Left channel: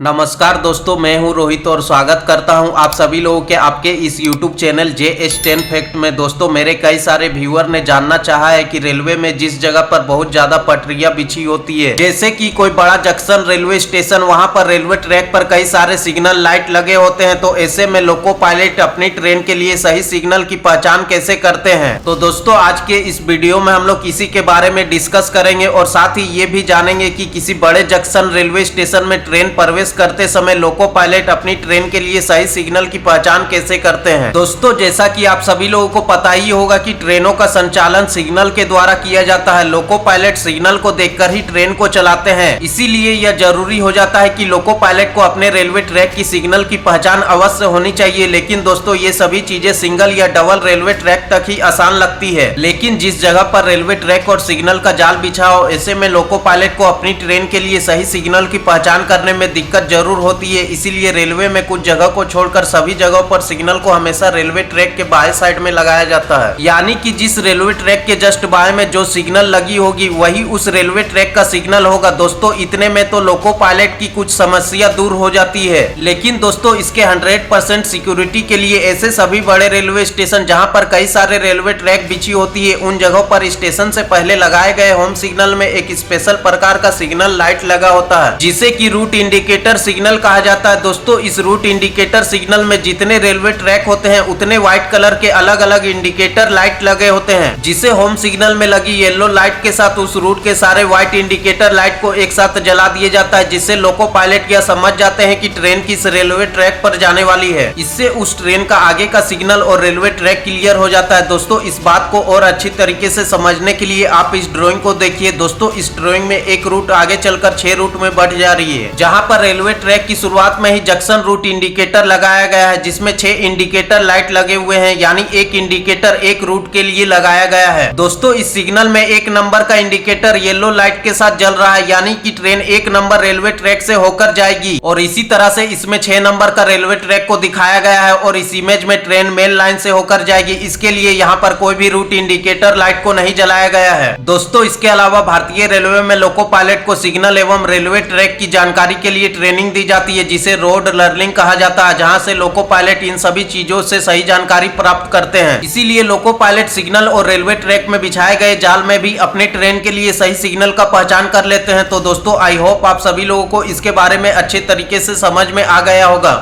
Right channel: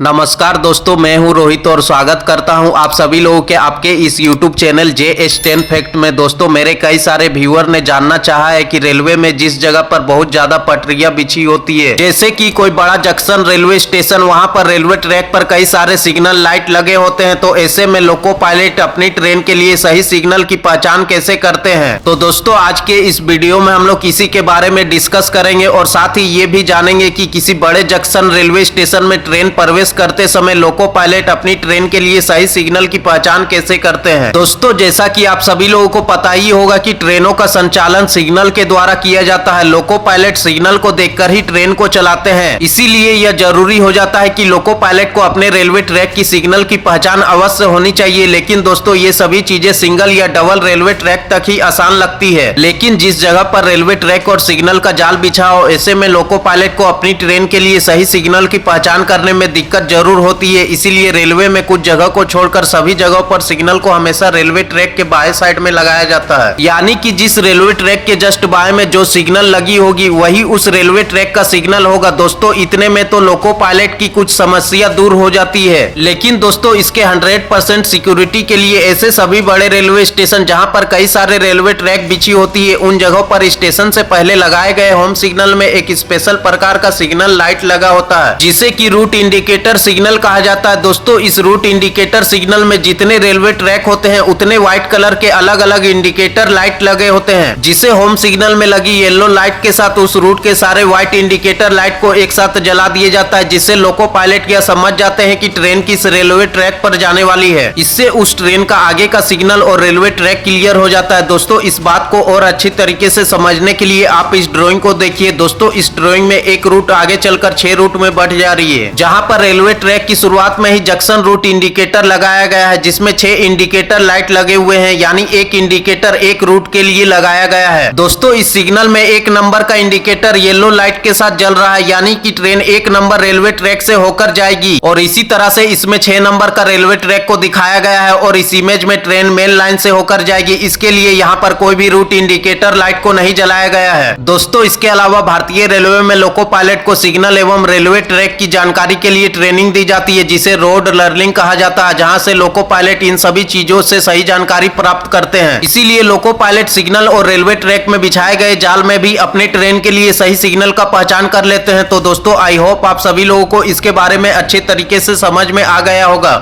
नमस्कार दोस्तों, मैं हूं रोहित और स्वागत करता हूं आप सभी लोगों के आपके इस YouTube चैनल JS10 फैक्ट में। दोस्तों, मेरे कई सारे व्यूअर ने जानना चाहा है कि रेलवे में जिस जगह पर बहुत ज्यादा पटरियां बिछी होती है, जैसे कि कोई बड़ा जंक्शन रेलवे स्टेशन, वहां पर रेलवे ट्रैक पर कई सारे सिग्नल लाइट लगे होते हैं, तो ऐसे में लोको पायलट अपनी ट्रेन के लिए सही सिग्नल की पहचान कैसे करते हैं। तो दोस्तों, आज के इस वीडियो में हम लोग इसी के बारे में डिस्कस करेंगे और साथ ही ये भी जानेंगे कि किसी बड़े जंक्शन रेलवे स्टेशन में ट्रेन प्रवेश करते समय लोको पायलट अपनी ट्रेन के लिए सही सिग्नल की पहचान कैसे करते हैं। दोस्तों, जैसा कि आप सभी लोगों को पता ही होगा कि ट्रेनों का संचालन सिग्नल के द्वारा किया जाता है। लोको पायलट सिग्नल को देखकर ही ट्रेन को चलाते हैं, इसीलिए यह जरूरी हो जाता है कि लोको पायलट को अपने रेलवे ट्रैक की सिग्नल की पहचान अवश्य होनी चाहिए। लेकिन दोस्तों, ये सभी चीजें सिंगल या डबल रेलवे ट्रैक तक ही आसान लगती है, लेकिन जिस जगह पर रेलवे ट्रैक और सिग्नल का जाल बिछा हो, ऐसे में लोको पायलट को अपनी ट्रेन के लिए सही सिग्नल की पहचान करने में दिक्कत जरूर होती है। इसीलिए रेलवे में कुछ जगह को छोड़कर सभी जगहों पर सिग्नल को हमेशा रेलवे ट्रैक के बाएं साइड में लगाया जाता है, यानी कि जिस रेलवे ट्रैक के जस्ट बाएं में जो सिग्नल लगी होगी वही उस रेलवे ट्रैक का सिग्नल होगा। दोस्तों, इतने में तो लोको पायलट की कुछ समस्या दूर हो जाती है। लेकिन दोस्तों, इसके 100% सिक्योरिटी के लिए ऐसे सभी बड़े रेलवे स्टेशन जहां पर कई सारे रेलवे ट्रैक बिछी होती है, उन जगहों पर स्टेशन से पहले लगाए गए होम सिग्नल में एक स्पेशल प्रकार का सिग्नल लाइट लगा होता है, जिसे कि रूट इंडिकेटर सिग्नल कहा जाता है। दोस्तों, इस रूट इंडिकेटर सिग्नल में जितने रेलवे ट्रैक होते हैं उतने व्हाइट कलर के अलग अलग इंडिकेटर लाइट लगे होते हैं, जिसे होम सिग्नल में लगी येलो लाइट के साथ उस रूट के सारे व्हाइट इंडिकेटर लाइट को एक साथ जला दिया जाता है, जिससे लोको पायलट यह समझ जाते हैं कि ट्रेन किस रेलवे ट्रैक पर जाने वाली है। इससे उस ट्रेन का आगे का सिग्नल और रेलवे ट्रैक क्लियर हो जाता है। दोस्तों, इस बात को और अच्छी तरीके से समझने के लिए आप इस ड्राइंग को देखिए। दोस्तों, इस ड्राइंग में एक रूट आगे चलकर 6 रूट में बढ़ जा रही है, जहां पर रेलवे ट्रैक की शुरुआत में ही जंक्शन रूट इंडिकेटर लगाया गया है, जिसमें 6 इंडिकेटर लाइट लगे हुए हैं, यानी एक इंडिकेटर एक रूट के लिए लगाया गया है। दोस्तों, इस सिग्नल में 1 नंबर का इंडिकेटर येलो लाइट के साथ जल रहा है, यानी कि ट्रेन 1 नंबर रेलवे ट्रैक से होकर जाएगी, और इसी तरह से इसमें 6 नंबर का रेलवे ट्रैक को दिखाया गया है और इस इमेज में ट्रेन मेन लाइन से होकर जाएगी। इसके लिए यहाँ पर कोई भी रूट इंडिकेटर लाइट को नहीं जलाया गया है। दोस्तों, इसके अलावा भारतीय रेलवे में लोको पायलट को सिग्नल एवं रेलवे ट्रैक की जानकारी के लिए ट्रेनिंग दी जाती है, जिसे रोड लर्निंग कहा जाता है, जहां से लोको पायलट इन सभी चीजों से सही जानकारी प्राप्त करते हैं। इसीलिए लोको पायलट सिग्नल और रेलवे ट्रैक में बिछाए गए जाल में भी अपने ट्रेन के लिए सही सिग्नल का पहचान कर लेते हैं। तो दोस्तों, आई होप आप सभी लोगों को इसके बारे में अच्छे तरीके से समझ में आ गया होगा।